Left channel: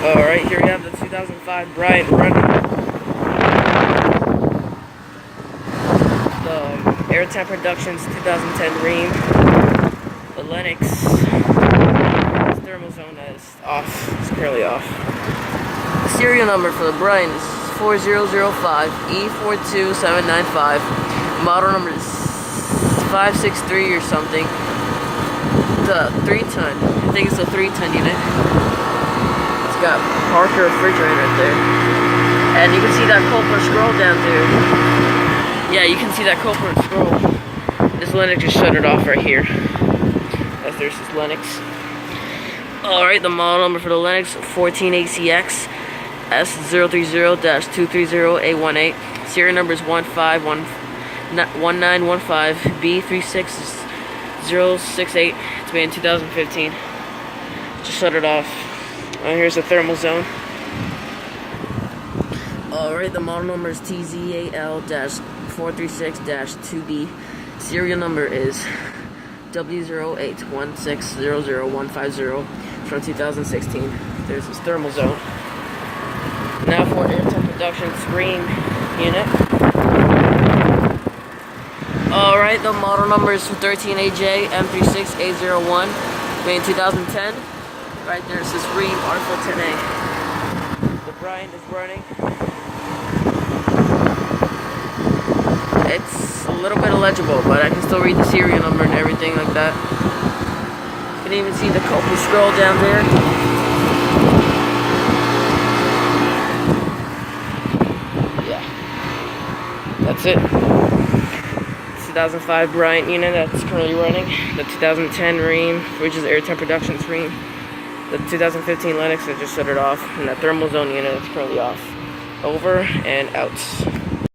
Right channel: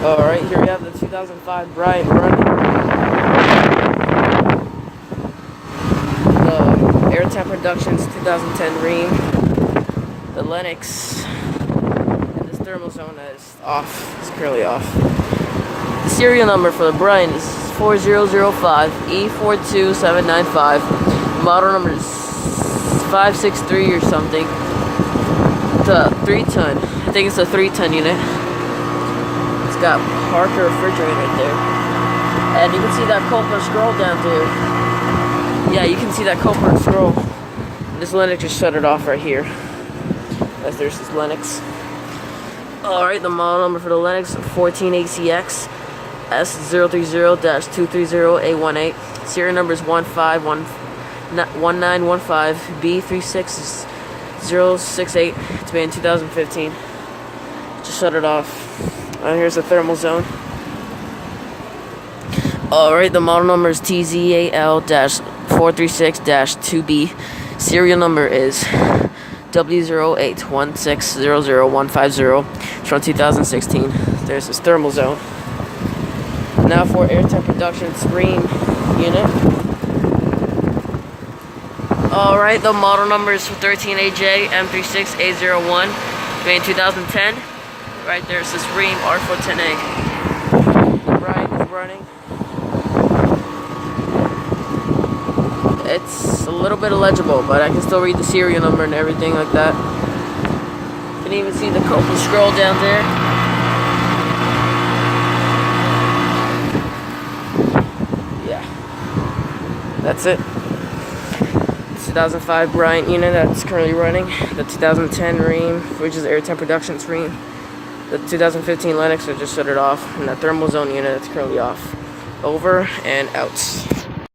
Alright, here we have the 2005 Bryant running. The Air Temp Productions 2010 rheem. The Lennox thermal zone is off. It's currently off. The serial number for the Bryant is 4005E42795. Model number is 563 or something. The 3-ton. I think it's a 3-ton unit. It's got Parker refrigerator right there. And you can see that Coppola scroll down there. Yeah, you can see that Coppola scroll. This Lennox just shut it off right here. As there's this Lennox. Alright, the model number for the Lennox 14ACX S030-230A18. Serial number is 1915B36068. It's made in 2015. Just shut it off. Here's the thermal zone. Alright, the model number is TZAL-436-2B. Serial number is W0816000150. It's from 2016. There's this thermal zone. Now for Air Temp Productions rheem unit. Alright, the model number is 13AJ M36A01. Made in 2010. Right there's this rheem R410A. The Bryant is running. It's a little bit illegible, but I can still read the serial number and everything like that. You can even see the Coppola scroll down there. Yeah. That's it. 2005 Bryant unit that's currently running. The 2010 rheem, which is Air Temp Productions rheem. The 2015 Lennox, I just shut it off. And the thermal zone unit that's currently off. Over and out.